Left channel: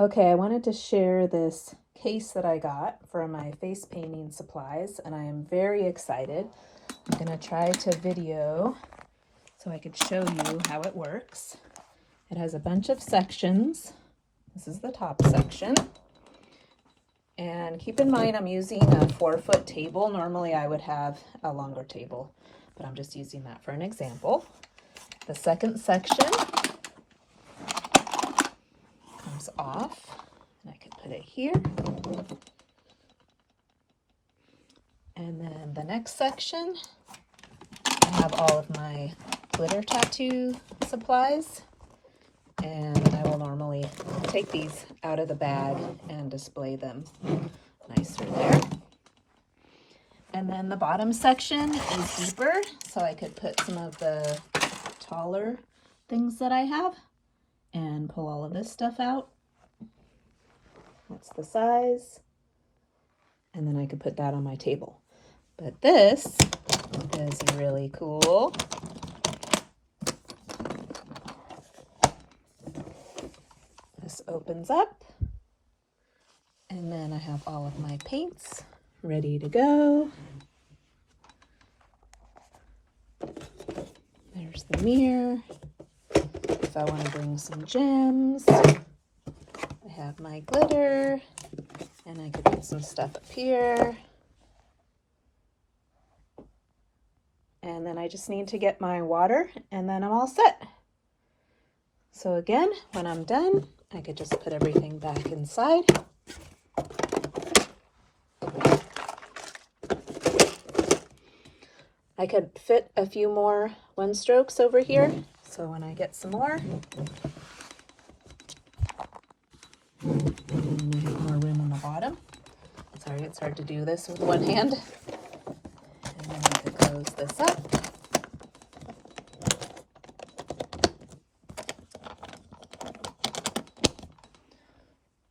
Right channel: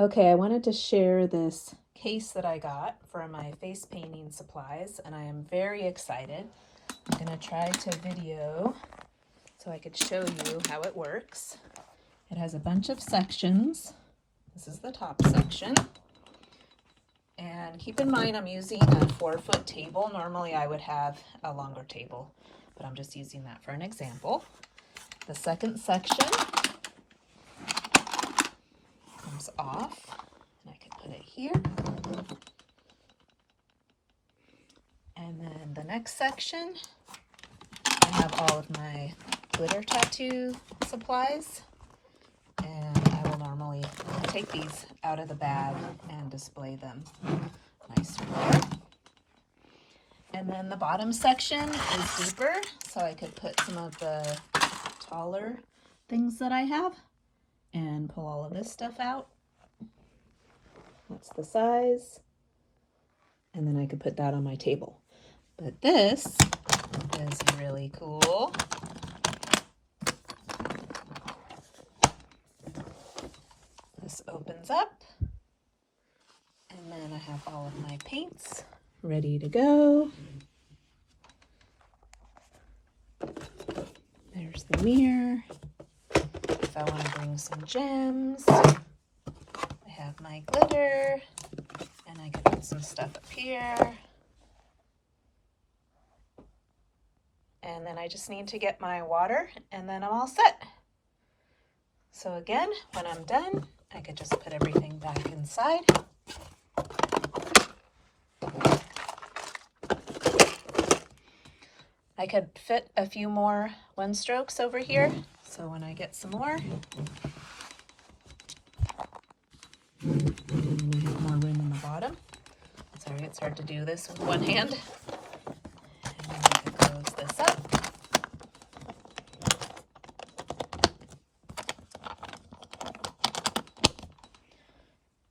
Okay, I wanted to share this case that I got for my face painting supplies, and I am very excited. I'm going to try to video so I could show you how it works. It has a bunch of sections. This is the top section. And keep in mind I'm using a 4-foot table. Normally I would have a longer table, but I'm just using that for an example. The second section comes off, and I can put it here. And then the next section, I have all of my glitter tattoo supplies, and I will normally take these out of the bag and display them nicer. And then the bottom section is deeper, so I could put some of the taller things that I have and pull all of this stuff out. That's the size. And then I could put that on my table. But this is really cool. This opens up. And then I have all of my paints ready to go. There's the mirror. If I want to bring some gems. I have my glitter. And I could put some stuff up here. And then I just need to get my water, and then I'm all set. So again, when I'm done, I could just put everything back inside. I could fit a few more 1-strokes over here, so when I get some more, and I have more room in the bottom. Sorry, it's hard to do this with one hand. And then I could close this up.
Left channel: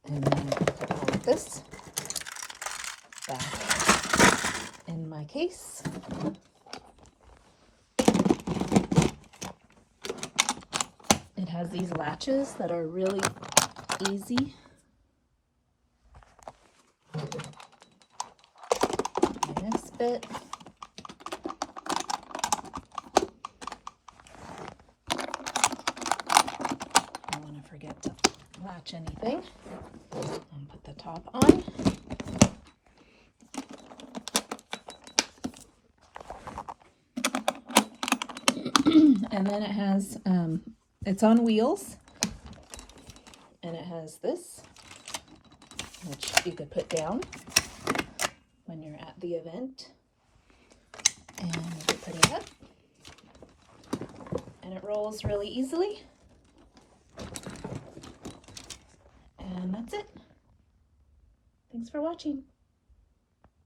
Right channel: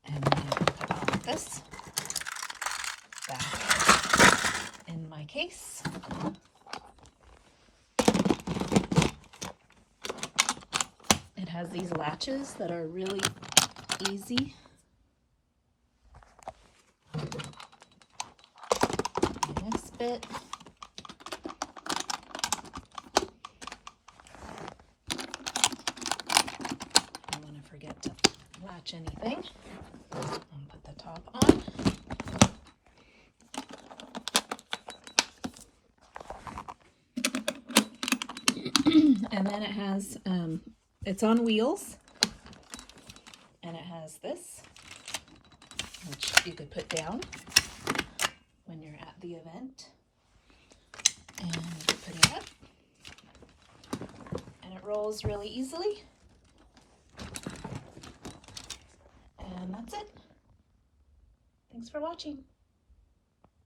And then I could put this back in my case. It has these latches that are really easy. This bit. I don't want to forget to latch anything. And put the top on. And then it has, it's on wheels, and it has this, which you could put down when you're at the event, and you can put it up, and it rolls really easily, and that's it. Thanks for watching.